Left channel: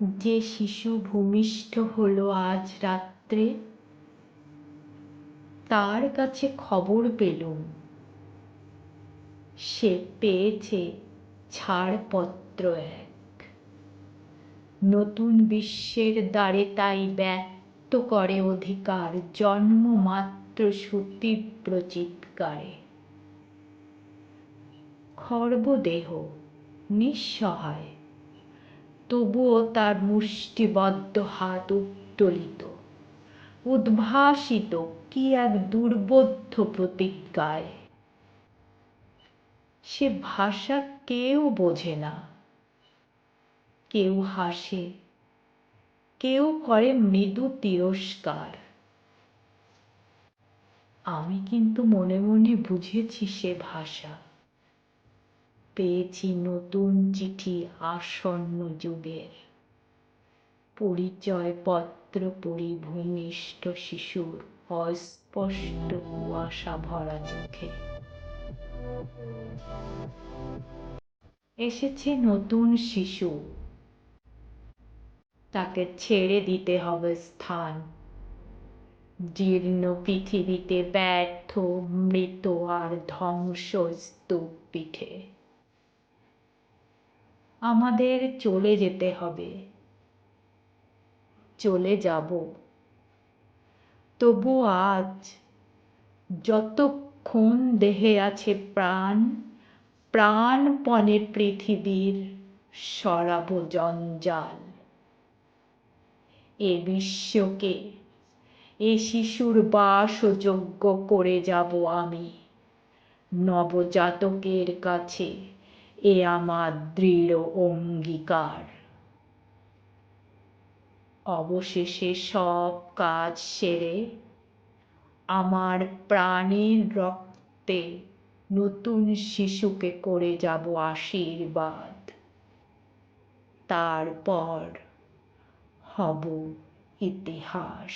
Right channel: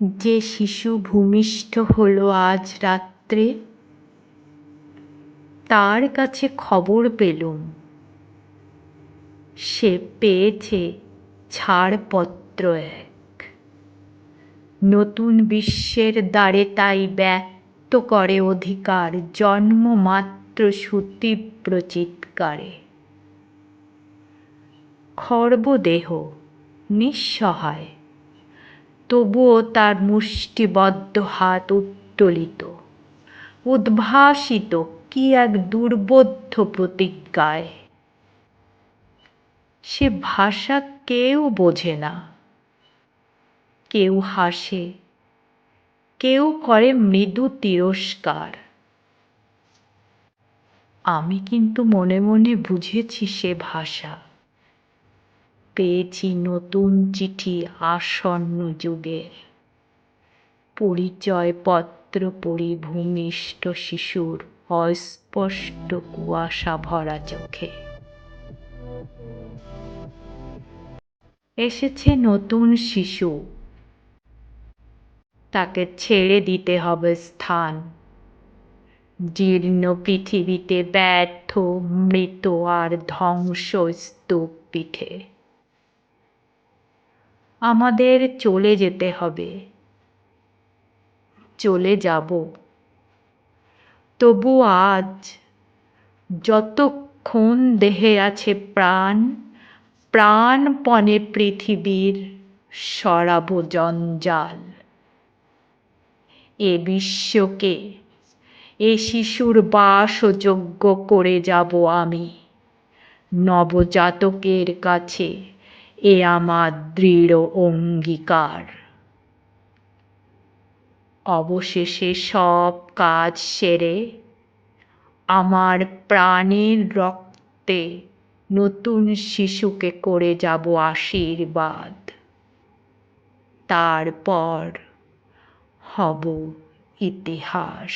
যে শিশু ভূমিষ্ঠ হলো আজ রাত্রে, তার কাছে খবর পেলুম সে পেয়েছে ছাড়পত্র এক। নতুন বিশ্বের দ্বারে তাই ব্যক্ত করে অধিকার জন্মমাত্র সুতীব্র চিৎকারে। খর্বদেহ নিঃসহায়, তবুও তার মুষ্টিবদ্ধ হাত উত্তোলিত, উদ্ভাসিত কি এক দুর্বোধ্য প্রতিজ্ঞায়। সে ভাষা কেউ বোঝে না, কেউ হাসে, কেউ করে মৃদু তিরস্কার। আমি কিন্তু মনে মনে বুঝেছি সে ভাষা। পেয়েছি নতুন চিঠি আসন্ন যুগের, পরিচয়পত্র পড়ি ভূমিষ্ঠ শিশুর অস্পষ্ট কুয়াশা ভরা চোখে। এসেছে নতুন শিশু, তাকে ছেড়ে দিতে হবে স্থান। জীর্ণ পৃথিবীতে ব্যর্থ মৃত আর ধ্বংস স্তূপ পিঠে। আমাদের চলে যেতে হবে, চলে যাব। তবু আজ যতক্ষণ দেহে আছে প্রাণ, প্রাণপণে পৃথিবীর সরাব জঞ্জাল। এ বিশ্বকে, এ শিশুর বাসযোগ্য করে যাব আমি। নবজাতকের কাছে এ আমার দৃঢ় অঙ্গীকার। অবশেষে সব কাজ সেরে আমার প্রাণের রক্তে নতুন শিশুকে করে যাব আশীর্বাদ। তারপর হব ইতিহাস।